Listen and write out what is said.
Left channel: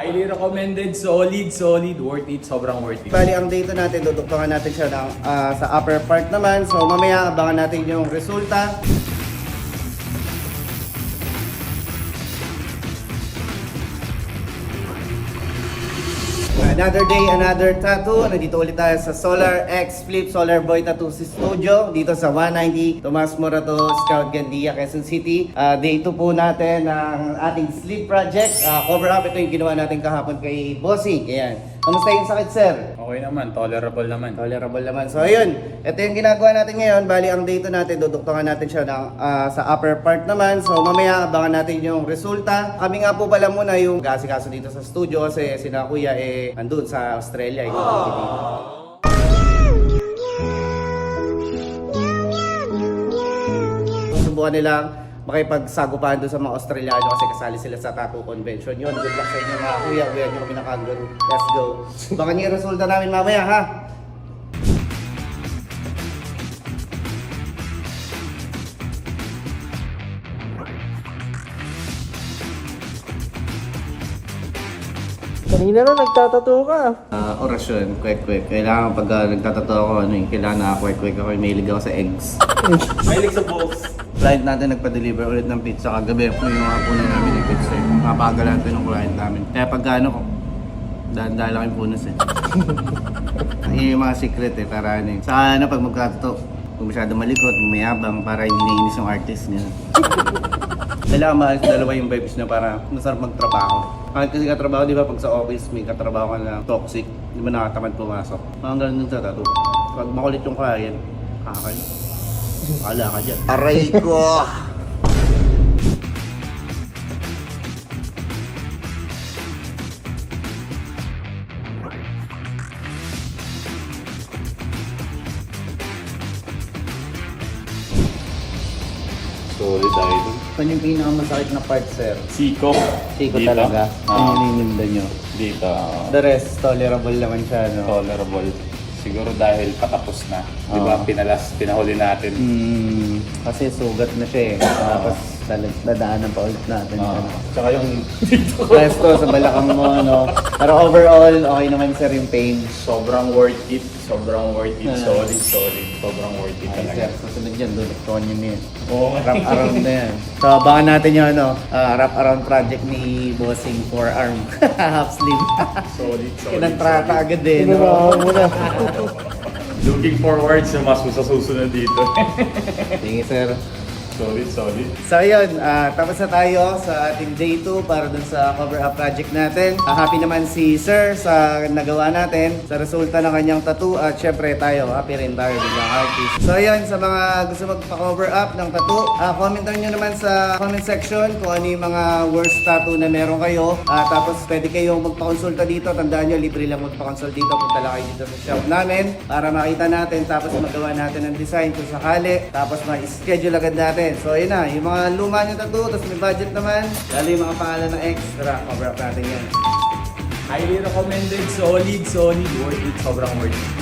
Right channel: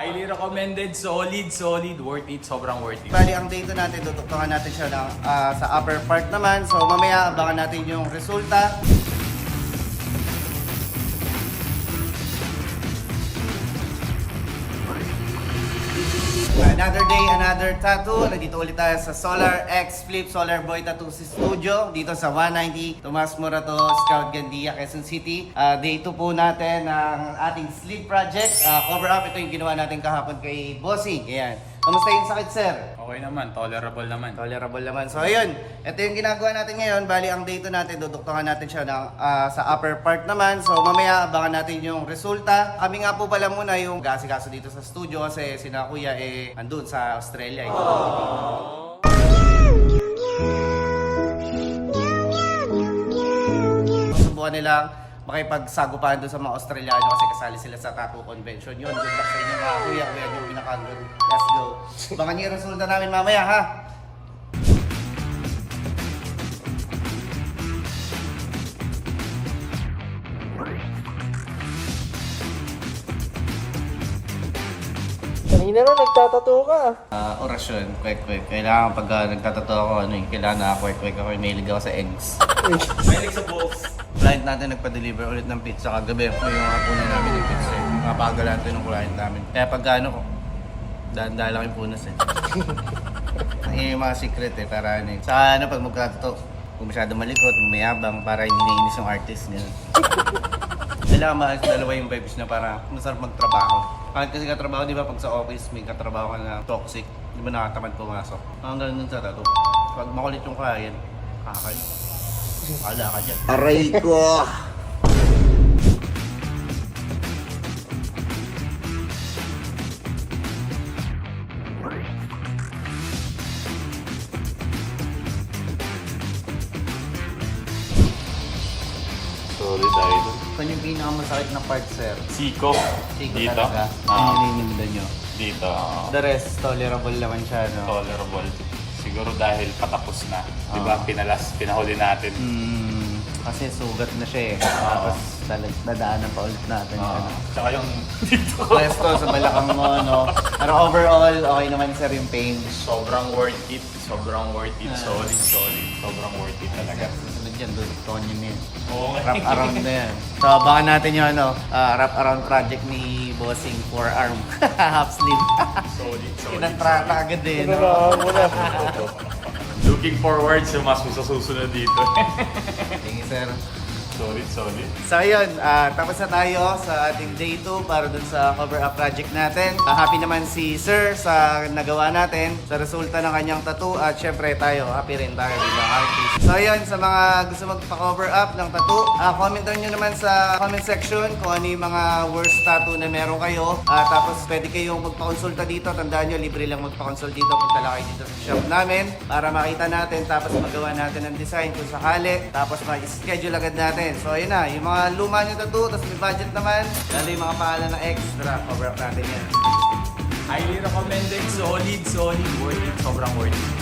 Highly recommended, solid, worth it, sobrang worth it. Bali, ang data natin, duduktungan natin siya ng, sa upper part naman. So mamaya abangan natin yung resulta. Another day, another tattoo. Nandito ulit tayo sa Solar X Flip Solar Boy Tattoo Studio dito sa 190 Tomas Morato, Scout Gandia, Quezon City. Day 2 po natin ng ating sleep project. Cover up, ito yung ginawa natin kahapon kay Bossing. Ayan. Kamusta yung sakit, sir? Okay naman, tolerable naman. Tolerable naman. So ayun, ito yung ginagawa natin ngayon. Bali, ang data natin, duduktungan natin siya ng, sa upper part naman. So mamaya abangan natin yung resulta. Kami nga po pala muna yung gasikaso dito sa studio kasi sina kuya andun sa Australia. Subukan nilang makipagsagupahan doon sa mga Australiano kasi kasali sila sa tattoo convention. Yun, good luck sa inyo mga kuya. Kuya nyo kami ng kangaroo. Let's go. Baka niyo yung resulta namin mamaya ha. Kanina na nagtatattoo ka. Orasyon, kwek-kwek. Kailangan pag nagtatato ako, kailangan na kwek-kwek ako. May hilig ako sa eggs. Mahilig sa balls. Client natin nagpa-deliver ulit ng pizza kagabi. Yung mga puno namin ng pizza. Mapagal natin ng client namin. Kaya pag ko, dahil lang yung punos Yun yung mga secret para Saka pag magkatato, kung masyado malikot, mayabang para hindi nainis yung artist niya. Kailangan maalis dalawa yung vibes na para masarap magtrabaho. Kahit kasi katrabaho, di ba, pag sa office may katrabaho ka na toxic, di ba nakatamad pumasok? Mga ganun din sa tattoo. Pag makulit yung client, kakain. Wala ka dyan. Aray ko! Solid idol. Saan yung pinakamasakit na part, sir? Siko. Siko Dito? talaga. Ah. Yung inimda nyo. Dito. The rest, tolerable naman siya, no? Tolerable. Siguro dahil patapos na. Di ba? Oo. Pinahuli natin. Kasi sugat na siya eh. Tapos dadaanan pa ulit natin. Oo. Ano. Tsaka yung dito. Resto sa balakang mo, no? Pero overall, okay naman, sir, yung pain. Sobrang worth it. Sobrang worth it. Ah. Solid. Sobrang worth it Ay, talaga. sir, susunod yan, duduktukan yun yan. Oo. Wrap around na yan. So, baka natin yung wrap around project ni Bossing forearm. Half sleeve. Solid. Kinantrata agad eh, no? Looking forward sa mas sa susunod dito. Sige, sir. Solid. So ayun, tapos na tayo sa ating day 2 para dun sa cover up project natin. Happy naman si sir sa nagawa natin, sa resulta ng kanyang tattoo at syempre tayo, happy rin tayo bilang artist. So ayun, sa mga gusto magpa-cover up ng tattoo, commentan nyo naman sa comment section kung ano yung mga worst tattoo na meron kayo. Tapos pwede kayong magpa-consulta dito, tandaan nyo, libre lang magpa-consult dito, punta lang kayo dito sa shop namin para makita natin, tapos magawa natin ng design kung sakali, tapos ma-schedule agad natin. So ayun na, yung mga luma nyo tattoo, tapos may budget naman, lalo yung mga pangalan ng X, tara, cover up natin yan. Highly recommended, solid, worth it, sobrang worth it.